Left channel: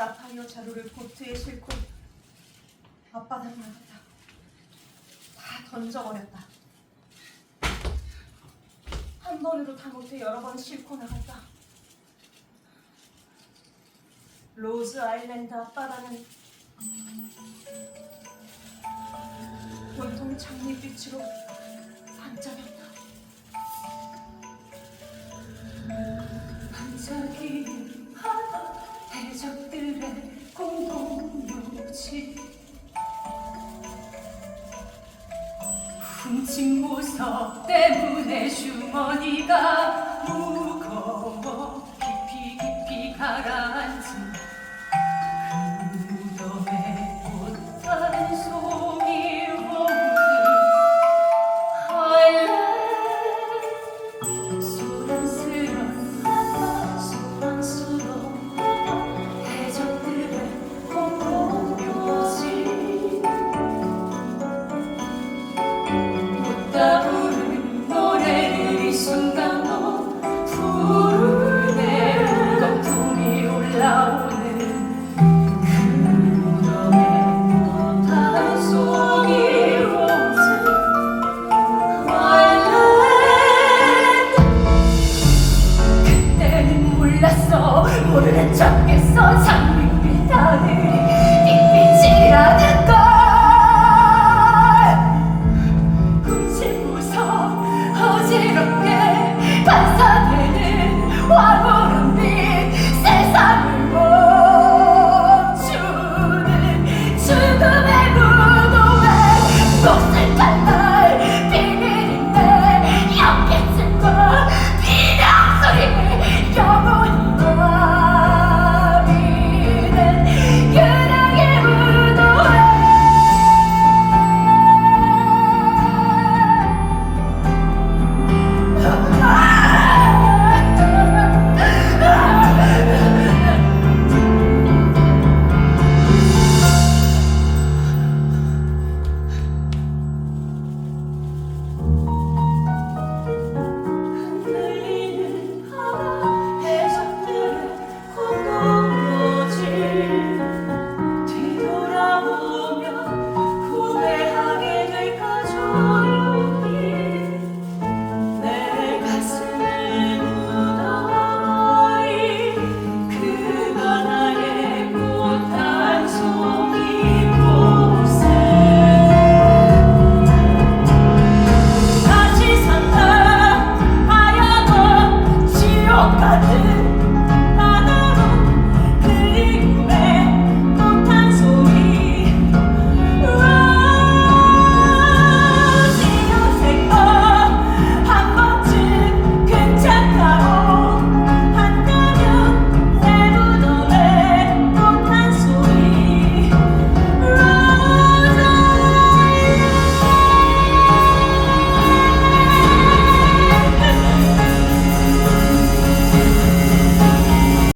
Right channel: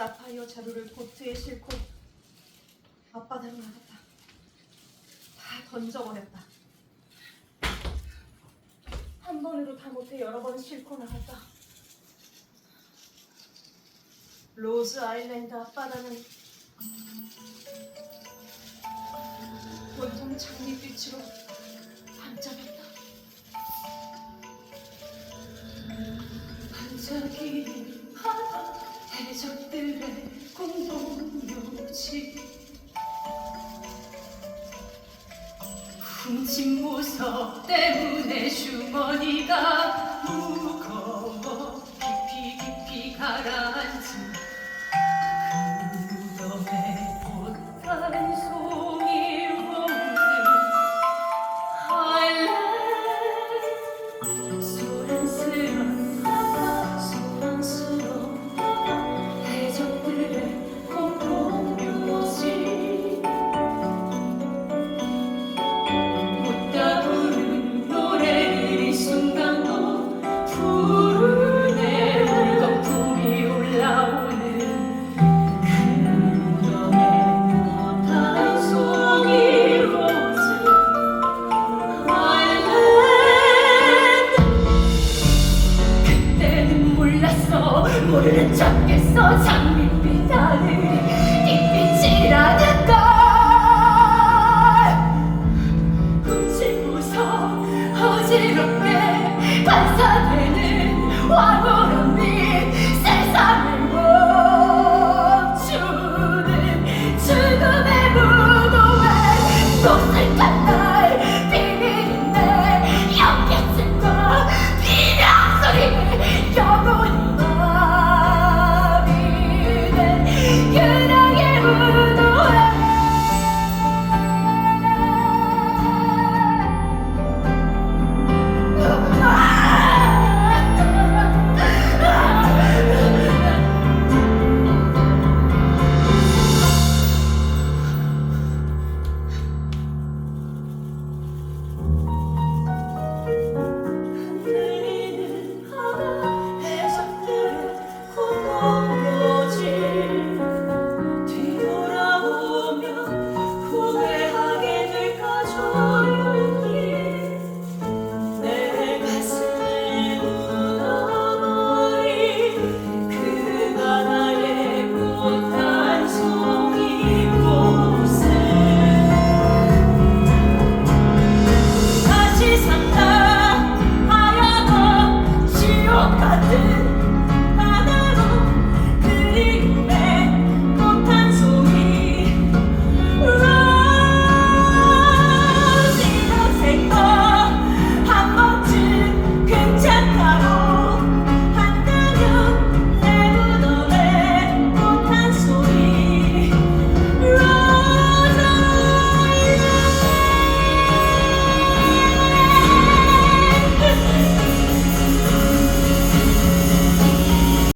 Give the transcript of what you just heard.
사파이어 자루를 보트에 싣고 앞바다로 나갔다. 다 던져버렸다. 한 번으로 다 못해 여러 번 싣고 나갔다. 로즈 아일랜드 앞바다는 온통 장밋빛으로 훔친 보석 때문에 주머니가 무거워 깊이 깊이 가라 Guru. 爱不。